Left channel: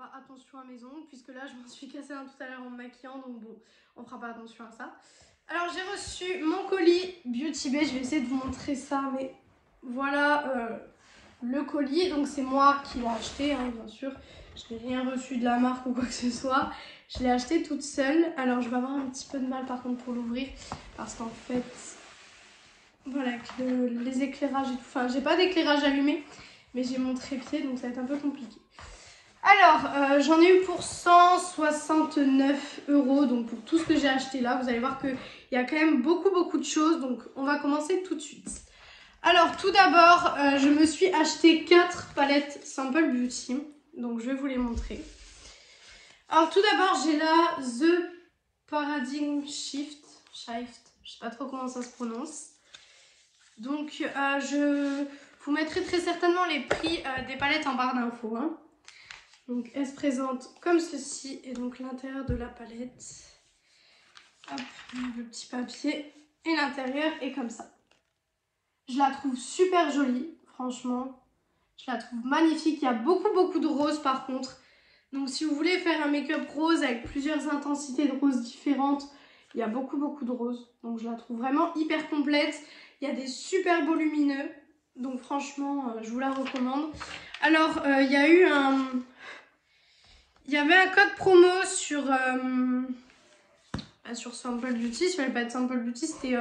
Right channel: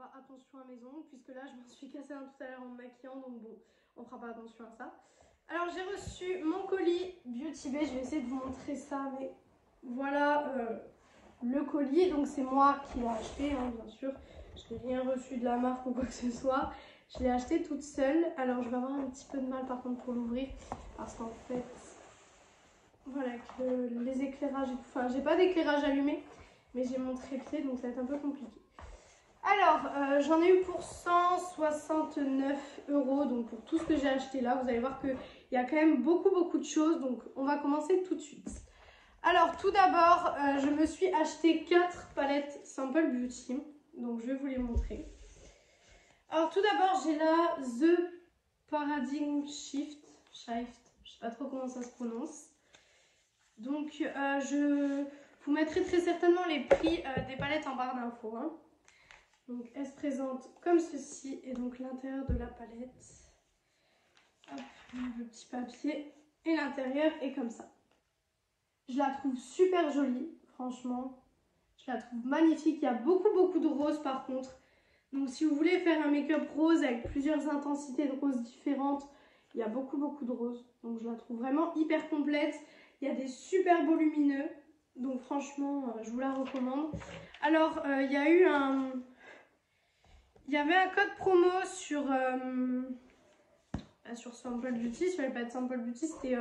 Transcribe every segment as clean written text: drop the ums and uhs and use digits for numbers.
pas attention à mes ongles, puisque là je m'en suis cassé un tout à l'heure en me maquillant, donc bon, on fera pas attention à ça. Alors j'ai reçu mon colis Beauty Bay, je vais essayer de vous montrer ça, mais voilà le colis, donc c'est moi qui l'ai acheté, hein, bien sûr. Je n'ai rien reçu de la marque ou quoi que ce soit, je l'ai acheté toute seule. Alors je vais avoir un petit peu de mal par contre pour l'ouvrir, parce qu'en fait, voilà, avec les éclairages et tout, enfin j'ai pas d'éclairage allumé, mais j'ai mon trépied, donc ça va être un peu compliqué. Alors, j'en ai eu pour 169 €, donc pour tout ce que j'ai acheté là, vous allez voir qu'il y a quand même beaucoup de choses, donc on va commencer tout de suite. Alors, tout d'abord, je me suis acheté 4 palettes Simple Beauty, donc je vais vous les montrer. Alors, tout d'abord, j'ai là The Paradigm Shift, je sais pas trop comment ça se prononce. Donc, je vous mettrai très certainement les prix des palettes en barre d'infos, hein. Donc elle se présente comme ceci, et donc l'intérieur de la palette, hop, le petit papier, et l'intérieur est comme ça. Je la trouve super jolie, franchement, je la trouve magnifique. Il y a beaucoup de rose par contre, donc si vous voulez faire un make-up rose avec plusieurs intensités de rose différentes, il y a beaucoup de rose, donc je la trouve vraiment hyper complète. Il y a des super beaux lumineux, donc franchement je vous la recommande. Alors il y a eu il y avait un code promo sur Simple Beauty, sur les palettes Simple Beauty, c'était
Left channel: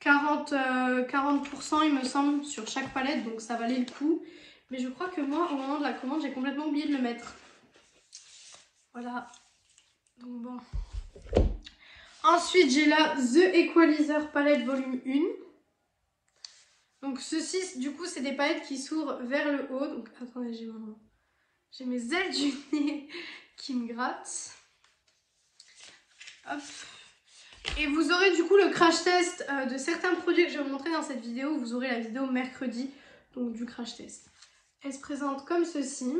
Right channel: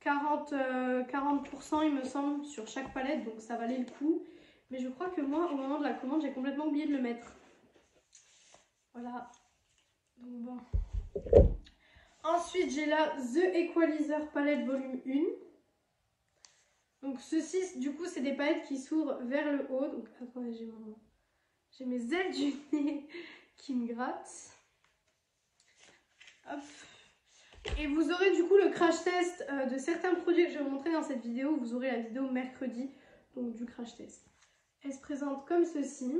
40% il me semble sur chaque palette, donc ça valait le coup. Mais je crois que moi, au moment de la commande, j'ai complètement oublié de le mettre. Voilà, donc bon. Ensuite, j'ai là The Equalizer Palette Volume 1. Donc ceci, du coup, c'est des palettes qui s'ouvrent vers le haut. Donc attendez, j'ai mes ailes du nez qui me grattent. Hop. Et vous aurez du coup le crash test de certains produits que je vais vous montrer dans cette vidéo. Vous aurez la vidéo mercredi, donc du crash test. Elle se présente comme ceci.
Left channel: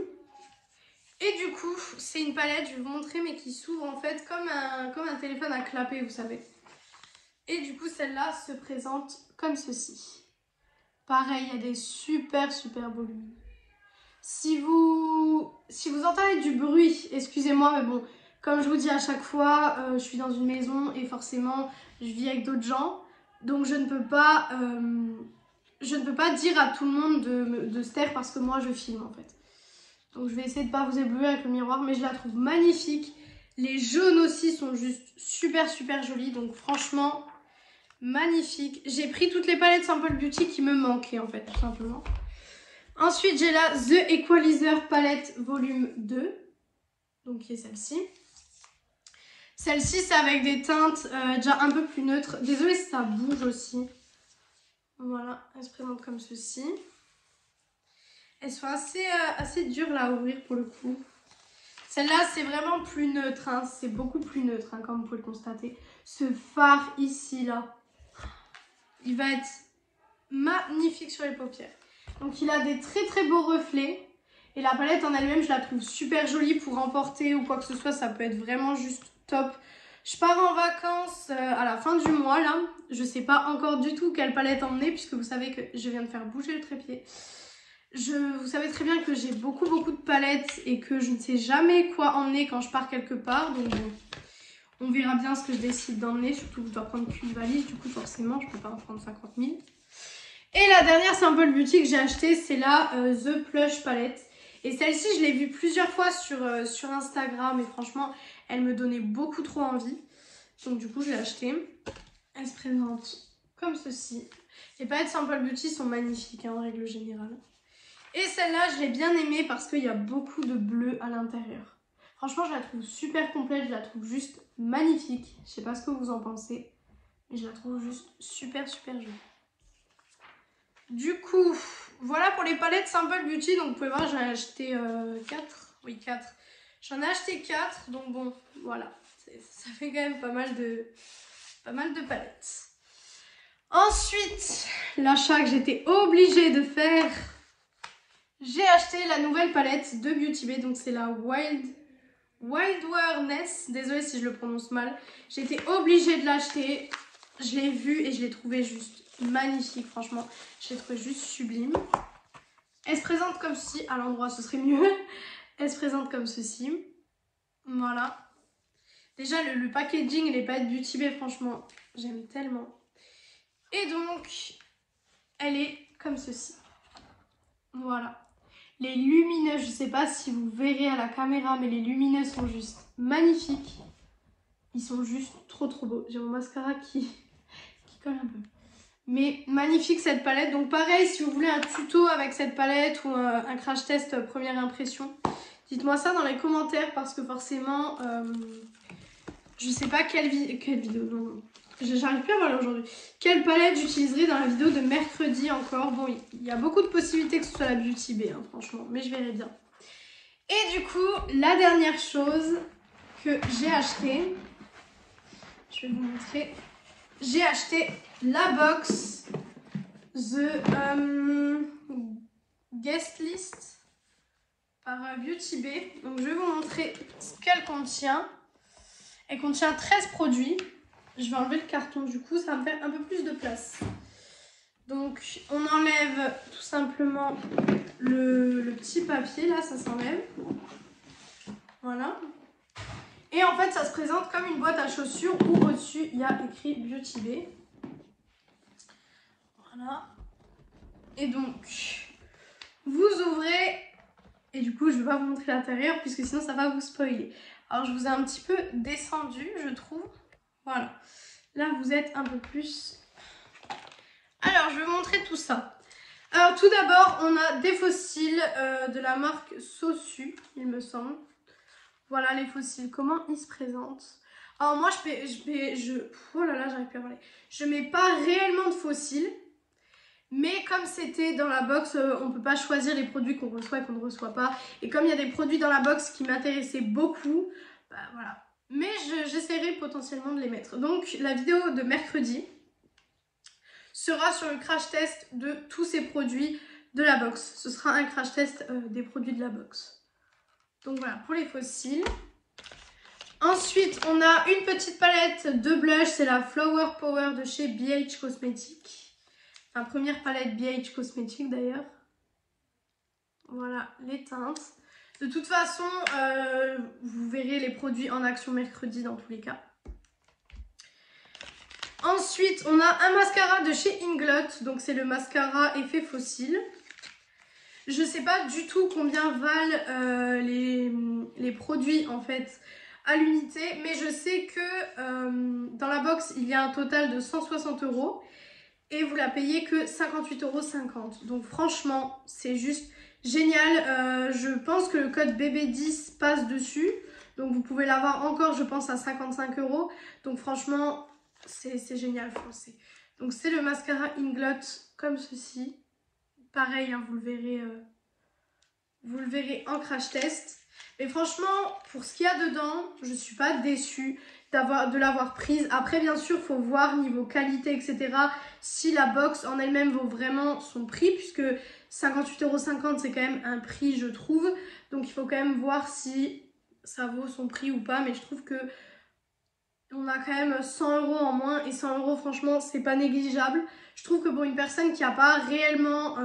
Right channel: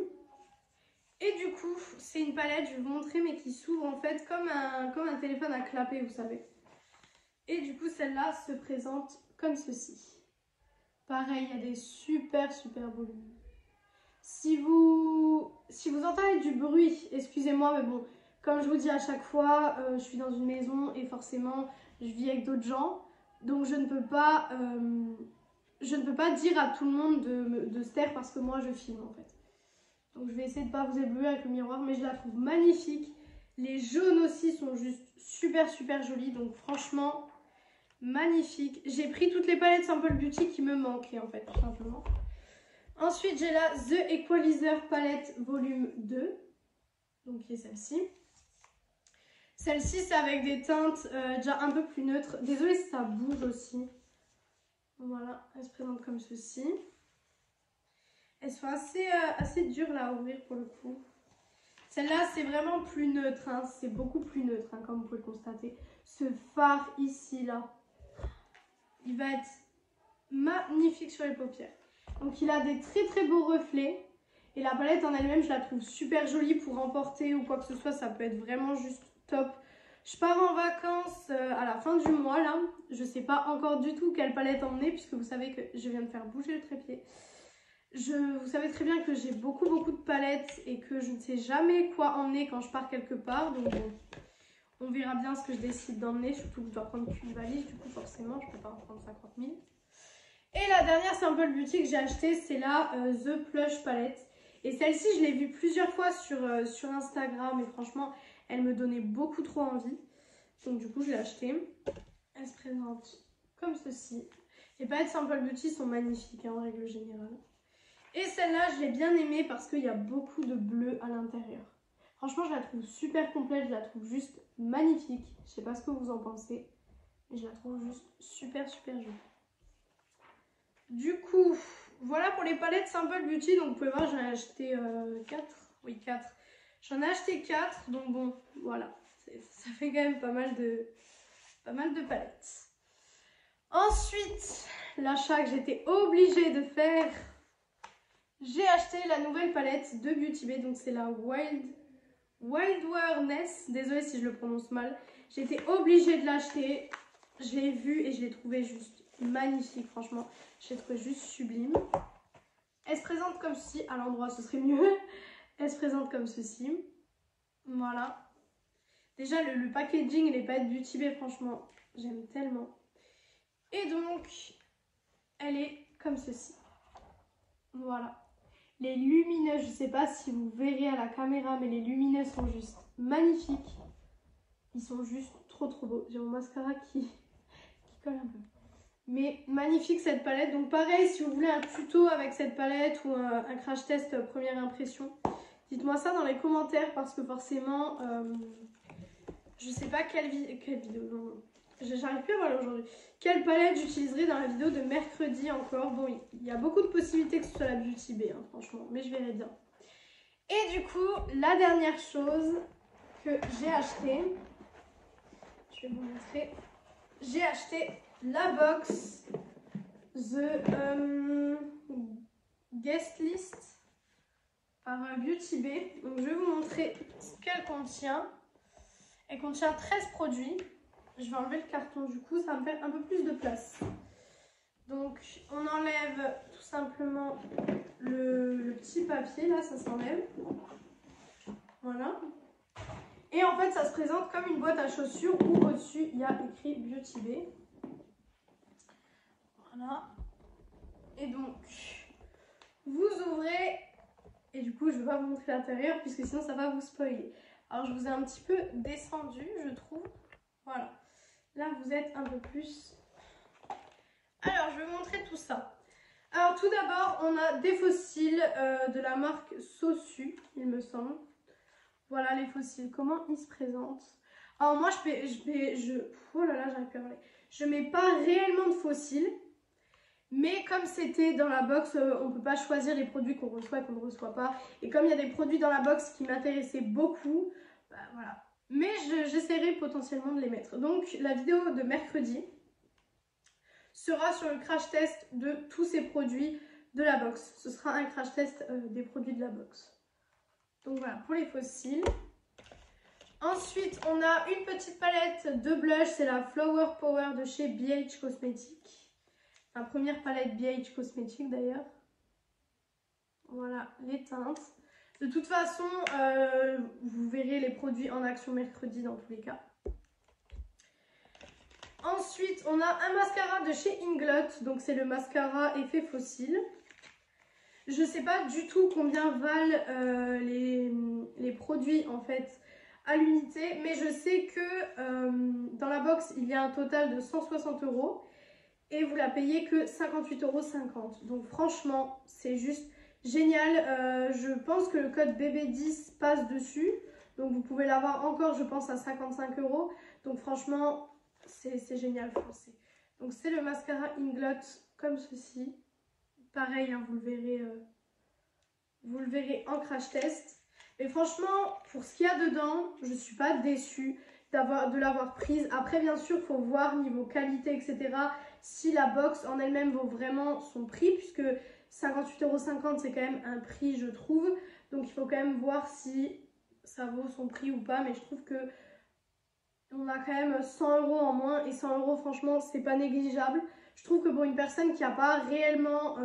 Et du coup, c'est une palette, je vais vous montrer, mais qui s'ouvre en fait comme un téléphone à clapper, vous savez. Et du coup, celle-là se présente comme ceci. Pareil, il y a des super beaux lumineux. Si vous entendez du bruit, excusez-moi, mais bon, comme je vous dis à chaque fois, je suis dans une maison et forcément, je vis avec d'autres gens. Donc je ne peux pas dire à tout le monde de se taire parce que moi, je filme en fait. Donc je vais essayer de ne pas vous éblouir avec le miroir, mais je la trouve magnifique. Les jaunes aussi sont juste super jolis, donc franchement, magnifique. J'ai pris toutes les palettes Simple Beauty qui me manquaient en fait, tout simplement. Ensuite, j'ai là The Equalizer Palette Volume 2, donc qui est celle-ci. Celle-ci, c'est avec des teintes déjà un peu plus neutres. Désolée si ça bouge aussi. Voilà, elle se présente comme ceci. Elles sont assez dures là à ouvrir pour le coup. Celle-là, c'est vraiment plus neutre, hein. C'est beaucoup plus neutre, hein, comme vous pouvez le constater. Ce fard ici, là, il va être magnifique sur les paupières. Donc il a des très beaux reflets. Et la palette en elle-même, je la trouve super jolie pour emporter ou quoi que ce soit. Ça peut être vraiment juste top. Je pars en vacances à la fin du mois là. Je sais pas encore du tout quelle palette emmener, puisque vous savez que je viens de faire bouger le trépied. Vous savez très bien que j'ai beaucoup de palettes et que je ne sais jamais quoi emmener quand je pars quelque part. Donc bon, on verra bien ce que je décide d'emmener. Surtout que je dois prendre qu'une valise, du coup forcément je peux pas en prendre 50 000. Et la dernière Simple Beauty que j'ai achetée, c'est la The Plush Palette. Et celle-ci, je l'ai vue plusieurs fois sur Instagram et franchement, elle me donnait beaucoup trop envie. Donc du coup, je l'ai achetée. Elle se présente comme ceci. Les palettes Simple Beauty sont magnifiques hein, en règle générale. Et celle-là, je l'ai bien aimée parce qu'il y a beaucoup de bleu à l'intérieur. Franchement, je la trouve super complète, je la trouve juste magnifique. Je sais pas ce que vous en pensez, mais je la trouve juste super jolie. Du coup, voilà pour les palettes Simple Beauty. Donc vous pouvez voir, j'en ai acheté 4. Oui, 4. J'en ai acheté 4. Donc bon, voilà. Ça fait quand même pas mal de palettes. Ensuite, l'achat que j'étais obligée de faire, j'ai acheté la nouvelle palette de Beauty Bay. Donc c'est la Wilderness. Désolée si je le prononce mal. J'ai été obligée de l'acheter. Je l'ai vue et je l'ai trouvée juste magnifique, franchement. Je l'ai trouvée juste sublime. Elle se présente comme si, à l'endroit ce serait mieux. Elle se présente comme ceci. Voilà. Déjà, le packaging et les palettes Beauty Bay, franchement, j'aime tellement. Et donc, elle est comme ceci. Voilà. Les lumineux, je sais pas si vous verrez à la caméra, mais les lumineux sont juste magnifiques. Ils sont juste trop beaux. J'ai mon mascara qui colle un peu. Mais magnifique cette palette. Donc pareil, si vous voulez un tuto avec cette palette ou un crash test première impression, dites-moi ça dans les commentaires parce que forcément, je sais pas quelle vidéo, non. J'arrive plus à voir aujourd'hui. Quelle palette j'utiliserai dans la vidéo de mercredi encore. Bon, il y a beaucoup de possibilités que ce soit la Beauty Bay, hein, franchement, mais je verrai bien. Et du coup, la dernière chose que j'ai acheté, je vais vous montrer. J'ai acheté la box The Guest List par Beauty Bay. Donc je vais vous montrer ce qu'elle contient. Elle contient 13 produits. Je vais enlever le carton du coup, ça va me faire un peu plus de place. Donc on enlève tout simplement le petit papier, là ça s'enlève. Voilà. Et en fait ça se présente comme une boîte à chaussures où au-dessus il y a écrit Beauty Bay. Voilà. Et donc vous ouvrez, et du coup je ne vais pas vous montrer l'intérieur puisque sinon ça va vous spoiler. Alors je vous ai un petit peu descendu je trouve. Voilà. Là vous êtes un peu plus. Alors je vais vous montrer tout ça. Alors tout d'abord on a des fossiles de la marque Sossu il me semble. Voilà les fossiles, comment ils se présentent. Alors moi oh là là j'arrive plus à parler. Je mets pas réellement de fossiles. Mais comme c'était dans la box, on ne peut pas choisir les produits qu'on reçoit et qu'on ne reçoit pas. Et comme il y a des produits dans la box qui m'intéressaient beaucoup, bah voilà. Mais j'essaierai potentiellement de les mettre. Donc la vidéo de mercredi sera sur le crash test de tous ces produits de la box. Ce sera un crash test des produits de la box. Donc voilà, pour les fossiles. Ensuite, on a une petite palette de blush, c'est la Flower Power de chez BH Cosmetics. Enfin, première palette BH Cosmetics d'ailleurs. Voilà les teintes. De toute façon, vous verrez les produits en action mercredi dans tous les cas. Ensuite, on a un mascara de chez Inglot. Donc c'est le mascara effet fossile. Je ne sais pas du tout combien valent les produits en fait à l'unité. Mais je sais que dans la box, il y a un total de 160 €. Et vous la payez que 58,50 €. Donc franchement, c'est juste génial. Je pense que le code BB10 passe dessus. Donc vous pouvez l'avoir encore, je pense, à 55 €. Donc franchement, c'est génial, français. Donc c'est le mascara Inglot comme ceci. Pareil, hein, vous le verrez en crash test. Mais franchement, pour ce qu'il y a dedans, je ne suis pas déçue de l'avoir prise. Après, bien sûr, il faut voir niveau qualité, etc. Si la box en elle-même vaut vraiment son prix, puisque 58,50 €, c'est quand même un prix, je trouve. Donc, il faut quand même voir si ça vaut son prix ou pas. Mais je trouve que on a quand même 100 € en moins. Et 100 €, franchement, c'est pas négligeable. Je trouve que pour une personne qui n'a pas réellement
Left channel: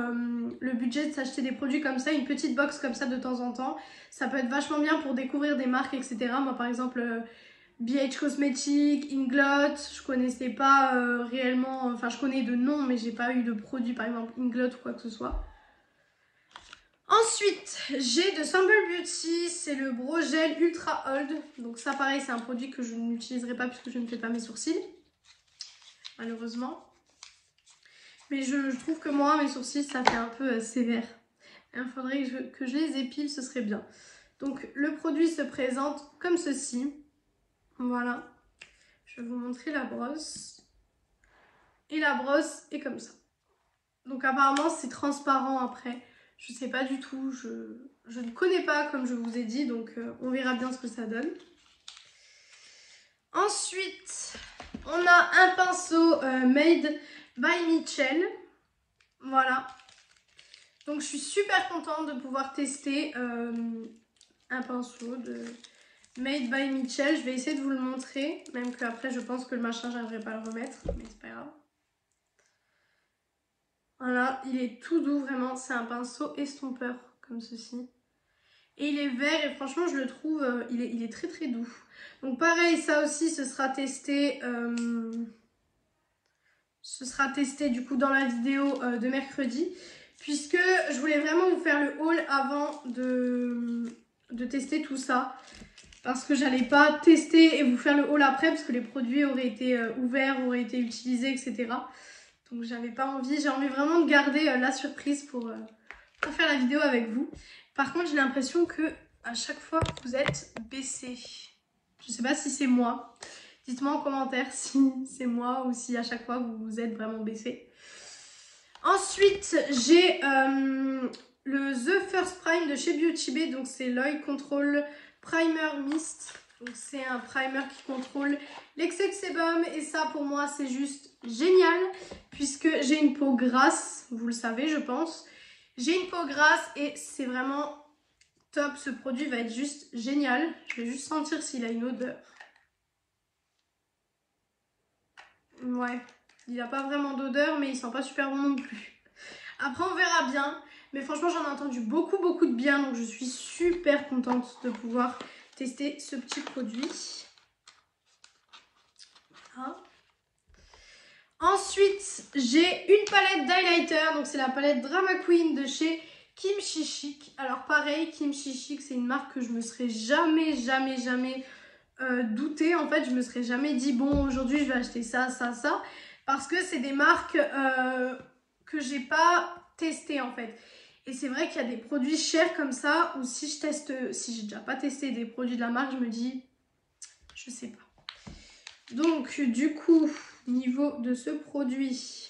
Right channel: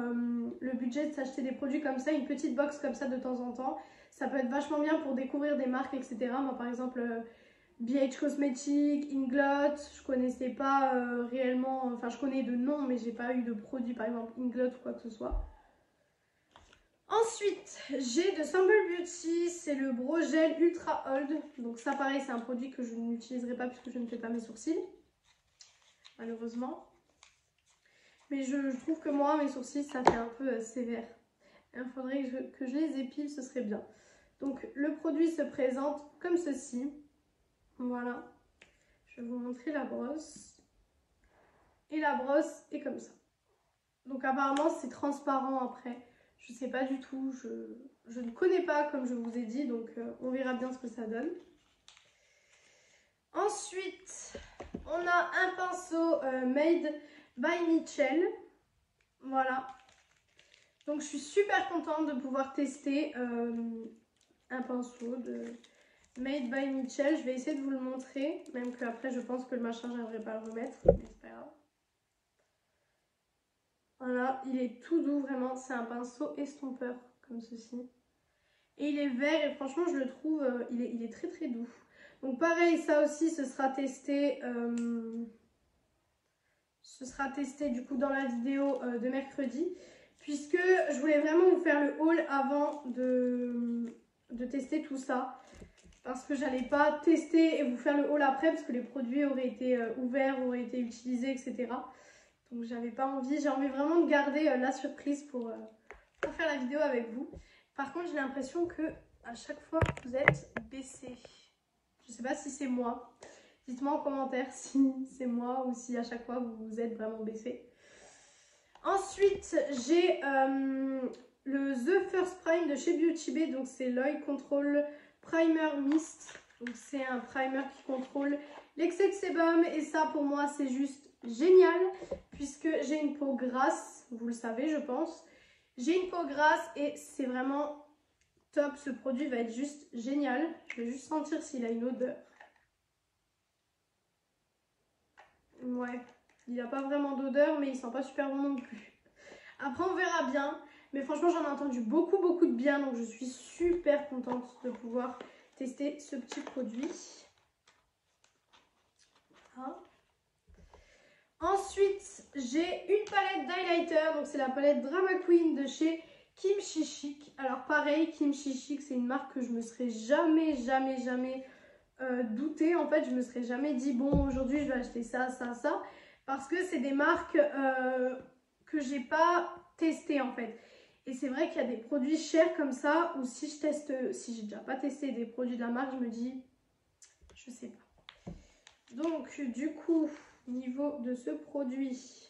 le budget de s'acheter des produits comme ça, une petite box comme ça de temps en temps, ça peut être vachement bien pour découvrir des marques, etc. Moi, par exemple, BH Cosmetics, Inglot, je connaissais pas réellement, enfin je connais de nom, mais j'ai pas eu de produit, par exemple Inglot ou quoi que ce soit. Ensuite, j'ai de Sample Beauty, c'est le Brow Gel Ultra Hold. Donc ça, pareil, c'est un produit que je n'utiliserai pas puisque je ne fais pas mes sourcils, malheureusement. Mais je trouve que moi, mes sourcils, ça fait un peu sévère. Il faudrait que je les épile, ce serait bien. Donc, le produit se présente comme ceci. Voilà. Je vais vous montrer la brosse. Et la brosse est comme ça. Donc, apparemment, c'est transparent après. Je ne sais pas du tout. Je ne connais pas, comme je vous ai dit. Donc, on verra bien ce que ça donne. Ensuite, on a un pinceau Made by Mitchell. Voilà. Donc je suis super contente de pouvoir tester un pinceau de Made by Mitchell. Je vais essayer de vous le montrer. Même qu'après je pense que le machin j'arriverai pas à le remettre. Mais c'est pas grave. Voilà, il est tout doux vraiment. C'est un pinceau estompeur comme ceci. Et il est vert et franchement je le trouve, il est très très doux. Donc pareil, ça aussi ce sera testé du coup dans la vidéo de mercredi. Puisque je voulais vraiment vous faire le haul avant de tester tout ça. Parce que j'allais pas tester et vous faire le haul après parce que les produits auraient été ouverts, auraient été utilisés, etc. Donc j'avais pas envie, j'ai envie vraiment de garder la surprise pour faire la vidéo avec vous. Par contre j'ai l'impression que à chaque fois vous êtes baissé. Je sais pas si c'est moi. Dites-moi en commentaire si c'est moi ou si à chaque fois vous êtes vraiment baissé. Ensuite j'ai le The First Prime de chez Beauty Bay. Donc c'est l'Oil Control Primer Mist. Donc c'est un primer qui contrôle l'excès de sébum et ça pour moi c'est juste génial puisque j'ai une peau grasse, vous le savez je pense. J'ai une peau grasse et c'est vraiment top, ce produit va être juste génial. Je vais juste sentir s'il a une odeur. Ouais, il n'a pas vraiment d'odeur mais il sent pas super bon non plus. Après on verra bien, mais franchement j'en ai entendu beaucoup de bien donc je suis super contente de pouvoir tester ce petit produit. Voilà. Ensuite, j'ai une palette d'highlighter. Donc, c'est la palette Drama Queen de chez Kimchi Chic. Alors, pareil, Kimchi Chic, c'est une marque que je me serais jamais doutée. En fait, je me serais jamais dit, bon, aujourd'hui, je vais acheter ça. Parce que c'est des marques que j'ai pas testées, en fait. Et c'est vrai qu'il y a des produits chers comme ça, ou si j'ai déjà pas testé des produits de la marque, je me dis, je sais pas. Donc, du coup, niveau de ce produit,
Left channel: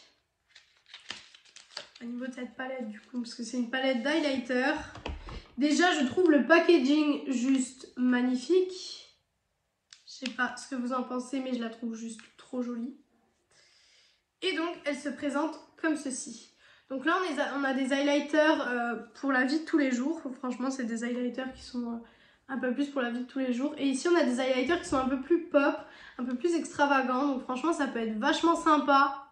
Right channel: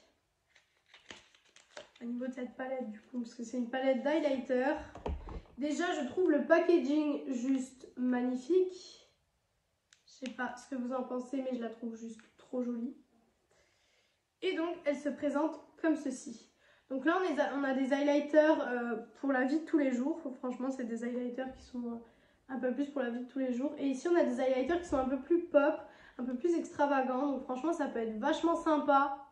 au niveau de cette palette, du coup, parce que c'est une palette d'highlighter, déjà, je trouve le packaging juste magnifique. Je sais pas ce que vous en pensez, mais je la trouve juste trop jolie. Et donc, elle se présente comme ceci. Donc là, on a des highlighters pour la vie de tous les jours. Franchement, c'est des highlighters qui sont un peu plus pour la vie de tous les jours. Et ici, on a des highlighters qui sont un peu plus pop, un peu plus extravagants. Donc franchement, ça peut être vachement sympa.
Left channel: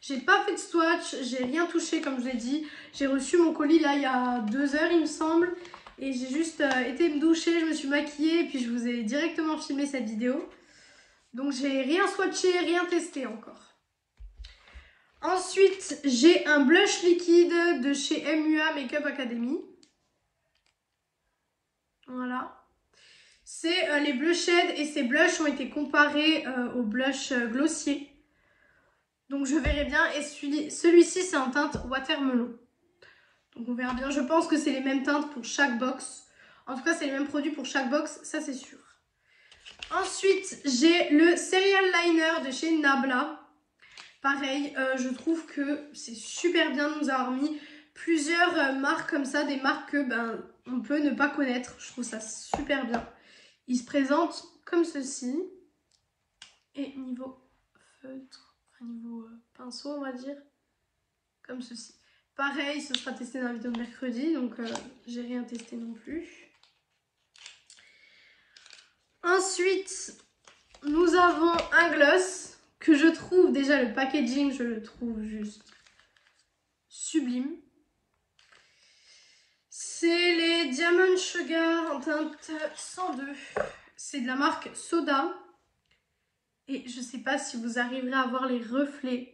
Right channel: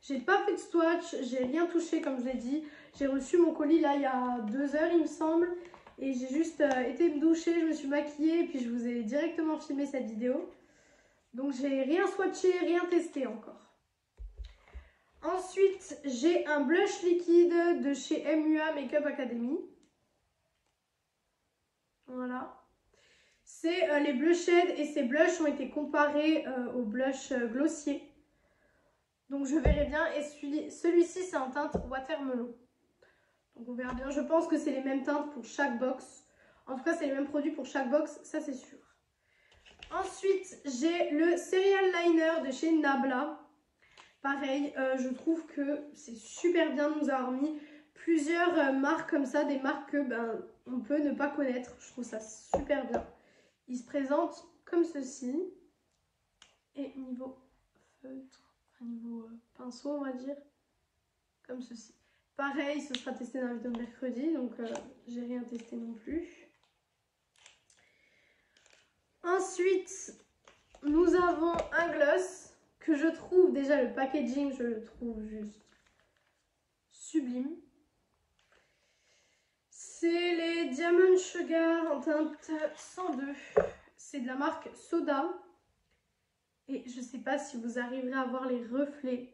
J'ai pas fait de swatch, j'ai rien touché comme je l'ai dit. J'ai reçu mon colis là il y a 2 heures, il me semble. Et j'ai juste été me doucher, je me suis maquillée et puis je vous ai directement filmé cette vidéo. Donc j'ai rien swatché, rien testé encore. Ensuite, j'ai un blush liquide de chez MUA Makeup Academy. Voilà. C'est les blush shades et ces blushs ont été comparés au blush glossier. Donc je verrai bien. Et celui-ci, c'est en teinte watermelon. Donc on verra bien. Je pense que c'est les mêmes teintes pour chaque box. En tout cas, c'est les mêmes produits pour chaque box, ça c'est sûr. Ensuite, j'ai le Serial Liner de chez Nabla. Pareil, je trouve que c'est super bien de nous avoir mis plusieurs marques comme ça, des marques que on peut ne pas connaître. Je trouve ça super bien. Il se présente comme ceci. Et niveau feutre, enfin niveau pinceau on va dire, comme ceci. Pareil, ce sera testé dans la vidéo de mercredi, donc j'ai rien testé non plus. Ensuite, nous avons un gloss que je trouve, déjà le packaging, je le trouve juste sublime. C'est les Diamond Sugar en teinte 102. C'est de la marque Soda. Et je sais pas si vous arriverez à voir les reflets.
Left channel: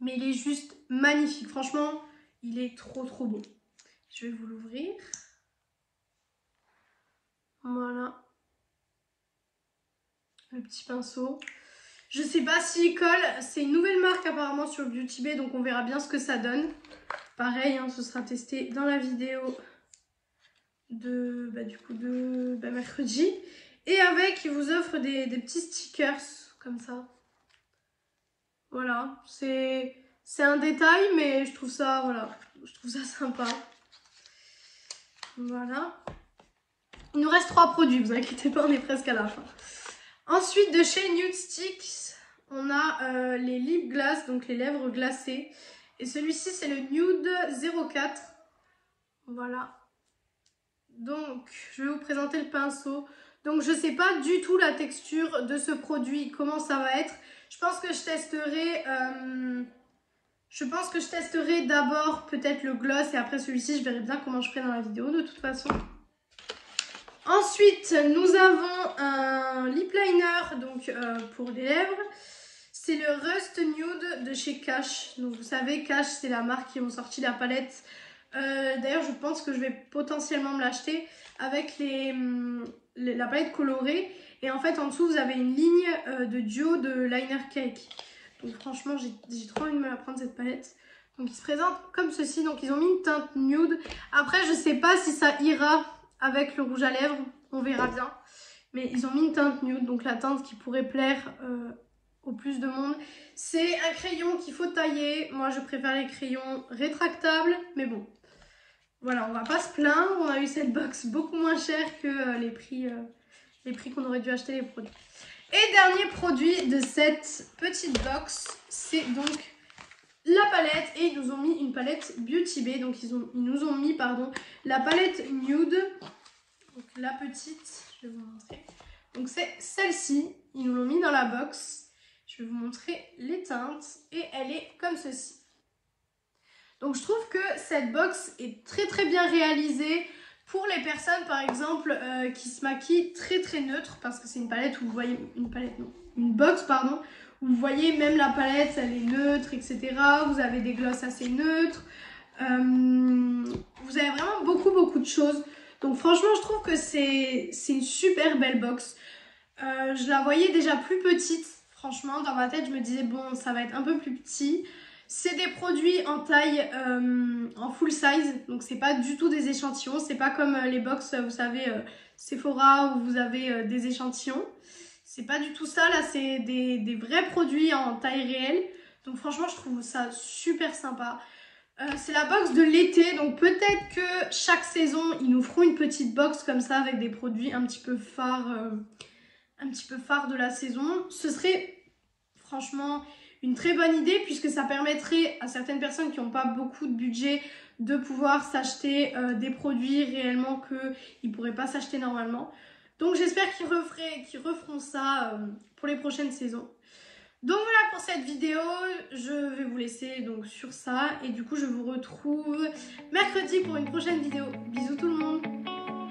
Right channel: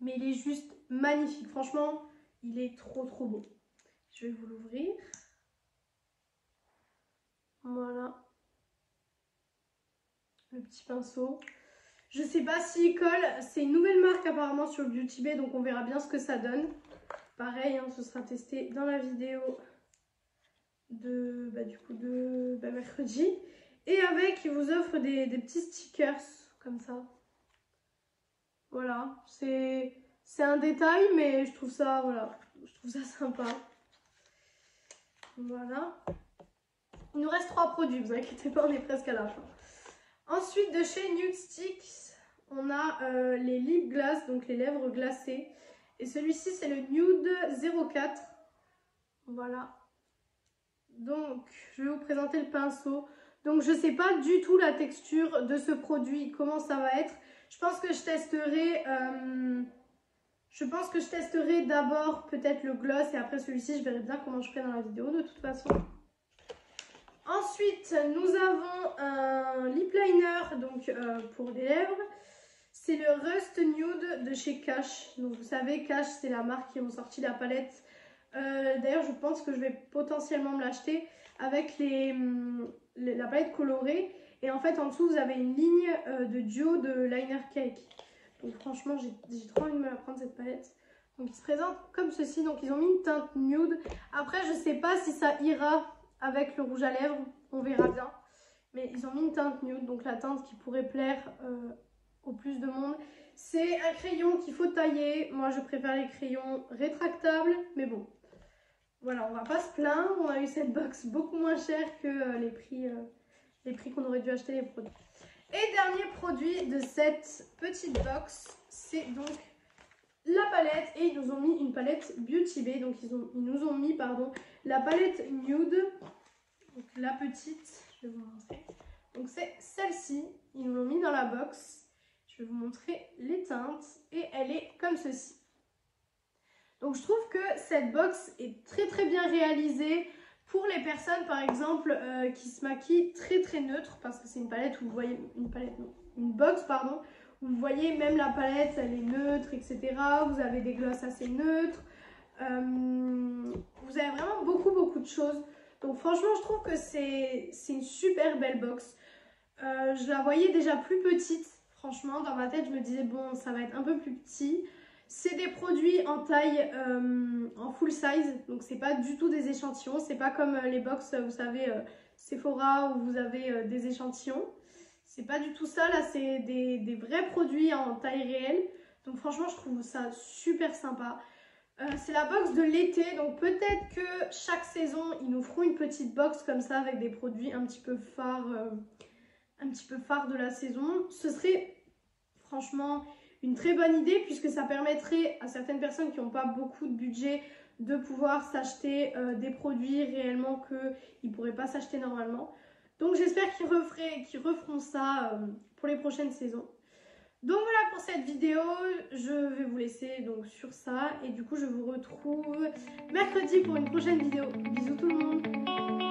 Mais il est juste magnifique. Franchement, il est trop beau. Je vais vous l'ouvrir. Voilà. Le petit pinceau. Je sais pas s'il colle. C'est une nouvelle marque apparemment sur Beauty Bay. Donc on verra bien ce que ça donne. Pareil, hein, ce sera testé dans la vidéo de mercredi. Et avec, ils vous offrent des petits stickers comme ça. Voilà, c'est un détail, mais je trouve ça, voilà, je trouve ça sympa. Voilà. Il nous reste 3 produits, vous inquiétez pas, on est presque à la fin. Ensuite, de chez Nude Sticks, on a les lip gloss, donc les lèvres glacées. Et celui-ci, c'est le Nude 04. Voilà. Donc, je vais vous présenter le pinceau. Donc, je ne sais pas du tout la texture de ce produit, comment ça va être. Je pense que je testerai d'abord peut-être le gloss et après celui-ci, je verrai bien comment je ferai dans la vidéo de toute façon. Ensuite, nous avons un lip liner donc, pour les lèvres. C'est le Rust Nude de chez Cash. Donc vous savez, Cash, c'est la marque qui ont sorti la palette. D'ailleurs, je pense que je vais potentiellement me l'acheter avec la palette colorée. Et en fait, en dessous, vous avez une ligne de duo de liner cake. Donc franchement, j'ai trop envie de me la prendre cette palette. Donc il se présente comme ceci. Donc ils ont mis une teinte nude. Après, je sais pas si ça ira avec le rouge à lèvres, on verra bien. Mais ils ont mis une teinte nude, donc la teinte qui pourrait plaire au plus de monde. C'est un crayon qu'il faut tailler. Moi, je préfère les crayons rétractables, mais bon. Voilà, on va pas se plaindre. On a eu cette box beaucoup moins chère que les prix qu'on aurait dû acheter les produits. Et dernier produit de cette petite box, c'est donc la palette. Et ils nous ont mis une palette Beauty Bay. Donc ils nous ont mis la palette nude. Donc la petite, je vais vous montrer. Donc c'est celle-ci, ils nous l'ont mis dans la box. Je vais vous montrer les teintes et elle est comme ceci. Donc je trouve que cette box est très très bien réalisée pour les personnes par exemple qui se maquillent très très neutre, parce que c'est une palette où vous voyez, une box pardon, où vous voyez même la palette, elle est neutre, etc. Vous avez des glosses assez neutres, vous avez vraiment beaucoup de choses. Donc franchement, je trouve que c'est une super belle box. Je la voyais déjà plus petite. Franchement, dans ma tête, je me disais, bon, ça va être un peu plus petit. C'est des produits en taille en full size. Donc, c'est pas du tout des échantillons. C'est pas comme les box, vous savez, Sephora, où vous avez des échantillons. C'est pas du tout ça. Là, c'est des vrais produits en taille réelle. Donc, franchement, je trouve ça super sympa. C'est la box de l'été, donc peut-être que chaque saison ils nous feront une petite box comme ça avec des produits un petit peu phares de la saison. Ce serait franchement une très bonne idée, puisque ça permettrait à certaines personnes qui n'ont pas beaucoup de budget de pouvoir s'acheter des produits réellement qu'ils ne pourraient pas s'acheter normalement. Donc j'espère qu'ils referont ça pour les prochaines saisons. Donc voilà pour cette vidéo, je vais vous laisser donc sur ça et du coup je vous retrouve mercredi pour une prochaine vidéo. Bisous tout le monde!